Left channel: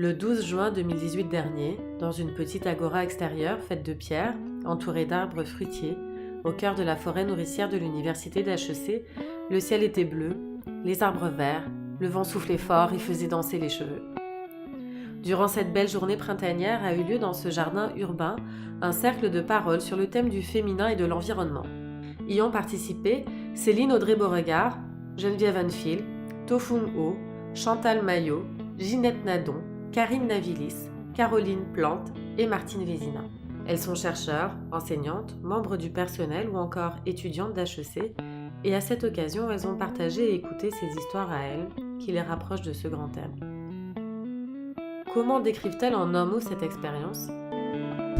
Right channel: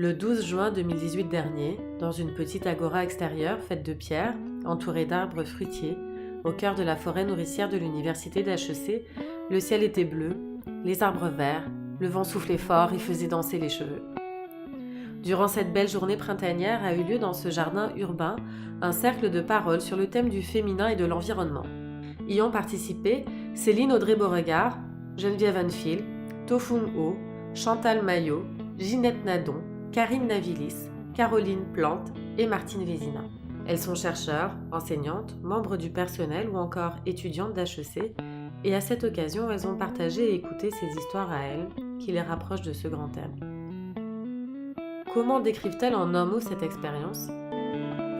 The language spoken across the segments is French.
Le 12 juin 2018 dernier, dans une petite agora extérieure faite de pierre, entourée d'arbres fruitiers, au cœur de la forêt nourricière de l'université d'HEC, le ciel était bleu, les arbres verts, le vent soufflait fort et faisait danser les cheveux. Durant cette belle journée printanière a eu lieu dans ce jardin urbain un cercle de parole sur le thème du féminin et de l'environnement. Y ont participé Céline Audrey-Beauregard, Geneviève Anfield, Tofung Ho, Chantal Maillot, Ginette Nadon, Karine Navilis, Caroline Plante et Martine Vézina. Elles sont chercheurs, enseignantes, membres du personnel ou encore étudiantes d'HEC et à cette occasion, elles ont partagé et écouté ces histoires à elles qui les rapprochent de ce grand thème. Comment décrivent-elles en un mot cette expérience ?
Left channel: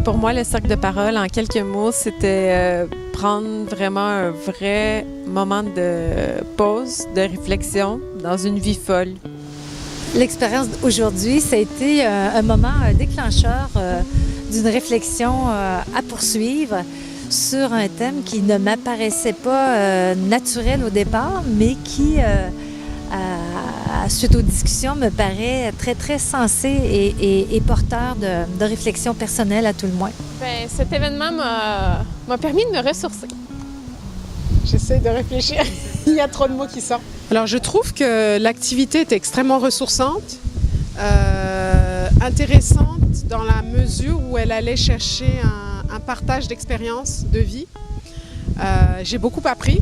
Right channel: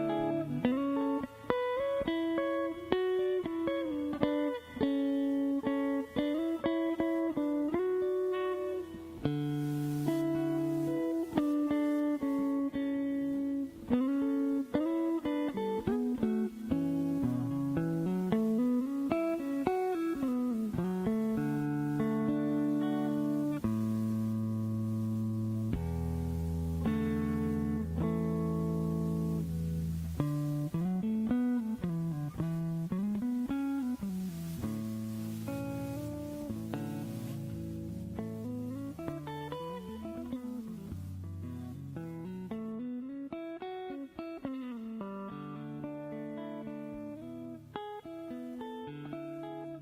Pour moi, le cercle de parole, en quelques mots, c'était prendre vraiment un vrai moment de pause, de réflexion dans une vie folle. L'expérience d'aujourd'hui, ça a été un moment déclencheur d'une réflexion à poursuivre sur un thème qui ne m'apparaissait pas naturel au départ, mais qui, suite aux discussions, me paraît très, très sensé et porteur de réflexion personnelle à tout le moins. Bien, cet événement m'a permis de me ressourcer. J'essaie de réfléchir. Il y a trop de mots qui sortent. Alors, je trouve que l'activité est extrêmement ressourçante, intéressante dans la mesure où elle allait chercher un partage d'expériences de vie. J'ai beaucoup appris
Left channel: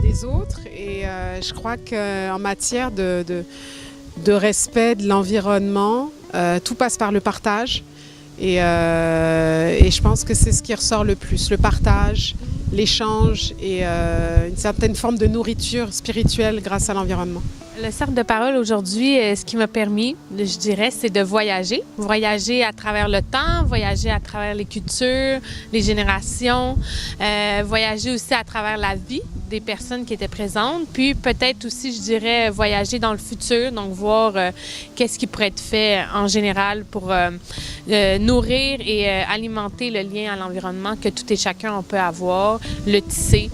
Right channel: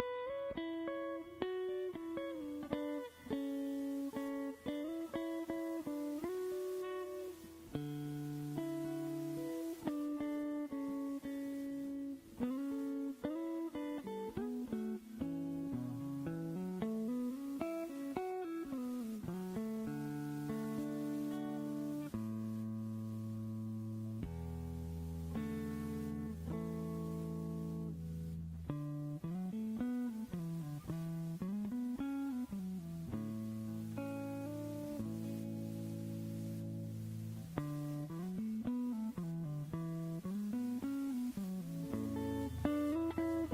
des autres et je crois qu'en matière de respect de l'environnement, tout passe par le partage. Et je pense que c'est ce qui ressort le plus, le partage, l'échange et une certaine forme de nourriture spirituelle grâce à l'environnement. Le cercle de parole aujourd'hui, ce qui m'a permis, je dirais, c'est de voyager. Voyager à travers le temps, voyager à travers les cultures, les générations, voyager aussi à travers la vie des personnes qui étaient présentes, puis peut-être aussi, je dirais, voyager dans le futur, donc voir qu'est-ce qui pourrait être fait en général pour nourrir et alimenter le lien à l'environnement que tout et chacun on peut avoir, le tisser,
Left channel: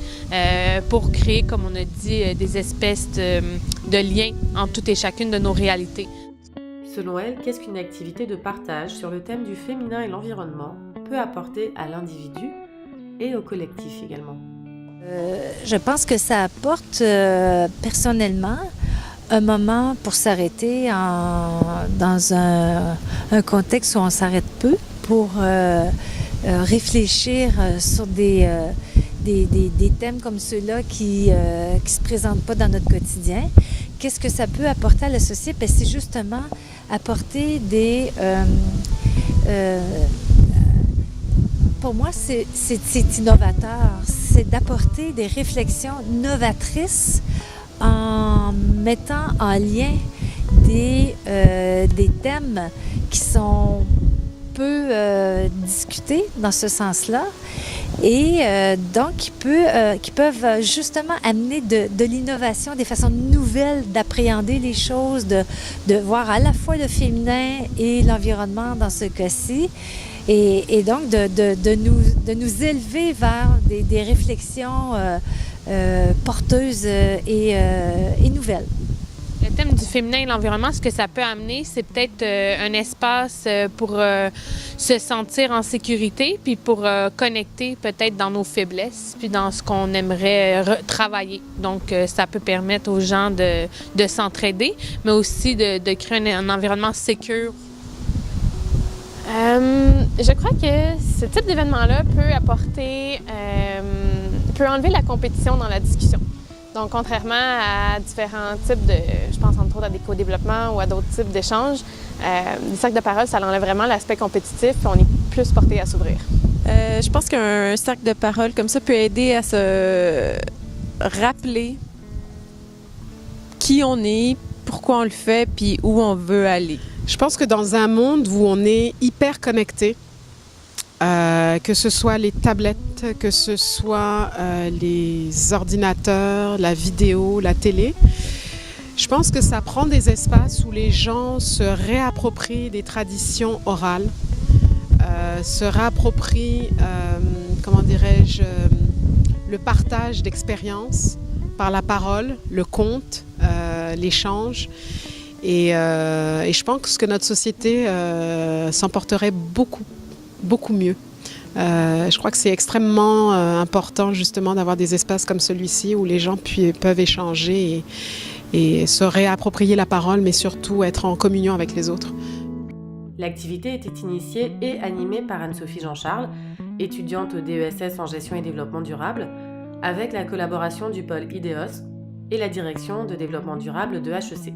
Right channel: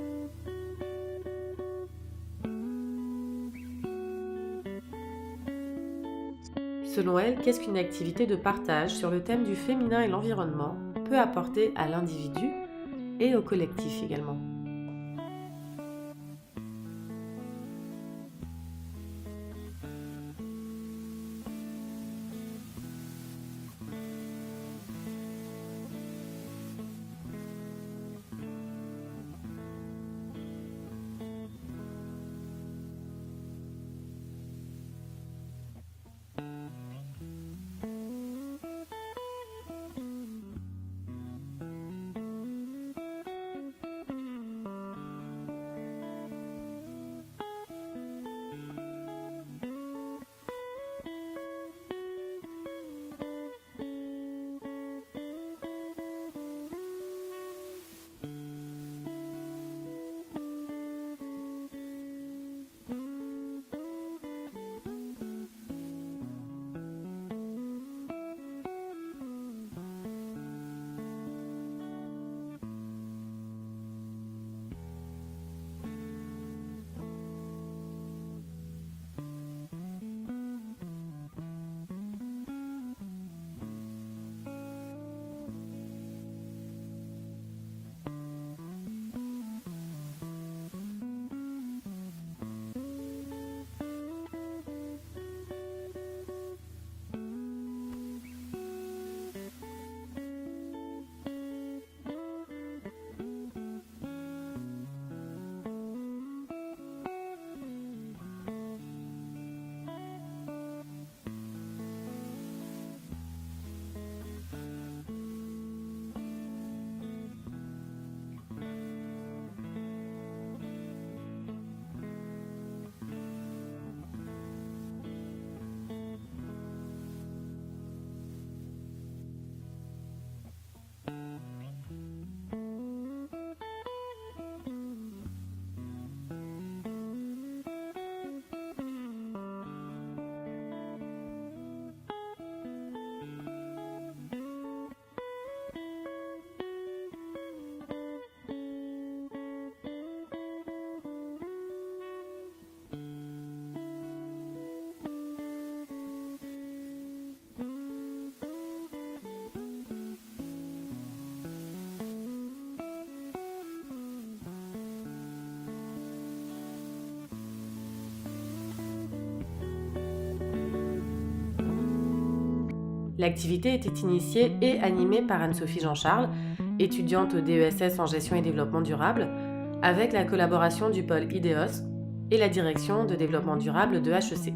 pour créer, comme on a dit, des espèces de liens entre toutes et chacune de nos réalités. Selon elle, qu'est-ce qu'une activité de partage sur le thème du féminin et l'environnement peut apporter à l'individu et au collectif également? Je pense que ça apporte personnellement un moment pour s'arrêter dans un contexte où on s'arrête peu pour réfléchir sur des thèmes comme ceux-là qui ne se présentent pas dans notre quotidien. Qu'est-ce que ça peut apporter à la société? Bien, c'est justement apporter pour moi, c'est innovateur. C'est d'apporter des réflexions novatrices en mettant en lien des thèmes qui sont peu discutés dans ce sens-là et donc qui peuvent justement amener de l'innovation, des façons nouvelles d'appréhender les choses, de voir à la fois le féminin et l'environnement dans ce cas-ci. Et donc, de nous élever vers des réflexions porteuses et nouvelles. Le thème du féminin et l'environnement, ce que ça peut amener, c'est peut-être un espace pour se sentir en sécurité, puis pour connecter peut-être dans nos faiblesses, puis dans ce qu'on aimerait travailler. Donc, ça peut permettre aux gens de s'entraider, mais aussi de créer un environnement sécure. Je crois que ce type d'événement-là peut enlever la compétition dans la discussion. Donc, contrairement à différents types je pense entre autres à des co-développements ou à d'autres types d'échanges, le cercle de parole, ça enlève vraiment l'aspect compétitif, puis on est plus porté à s'ouvrir. Je pense qu'un cercle de parole comme ça peut aider à se rappeler qui on est, pourquoi on le fait, puis où on veut aller. Je pense que dans un monde où on est hyper connecté, que ce soit les tablettes, que ce soit les ordinateurs, la vidéo, la télé, je pense que ça prend des espaces où les gens se réapproprient des traditions orales, se réapproprient, le partage d'expériences par la parole, le conte, l'échange. Et je pense que notre société s'en porterait beaucoup mieux. Je crois que c'est extrêmement important justement d'avoir des espaces comme celui-ci où les gens peuvent échanger et se réapproprier la parole, mais surtout être en communion avec les autres. L'activité était initiée et animée par Anne-Sophie Jean-Charles, étudiante au DESS en gestion et développement durable, avec la collaboration du pôle IDEOS et la direction de développement durable de HEC.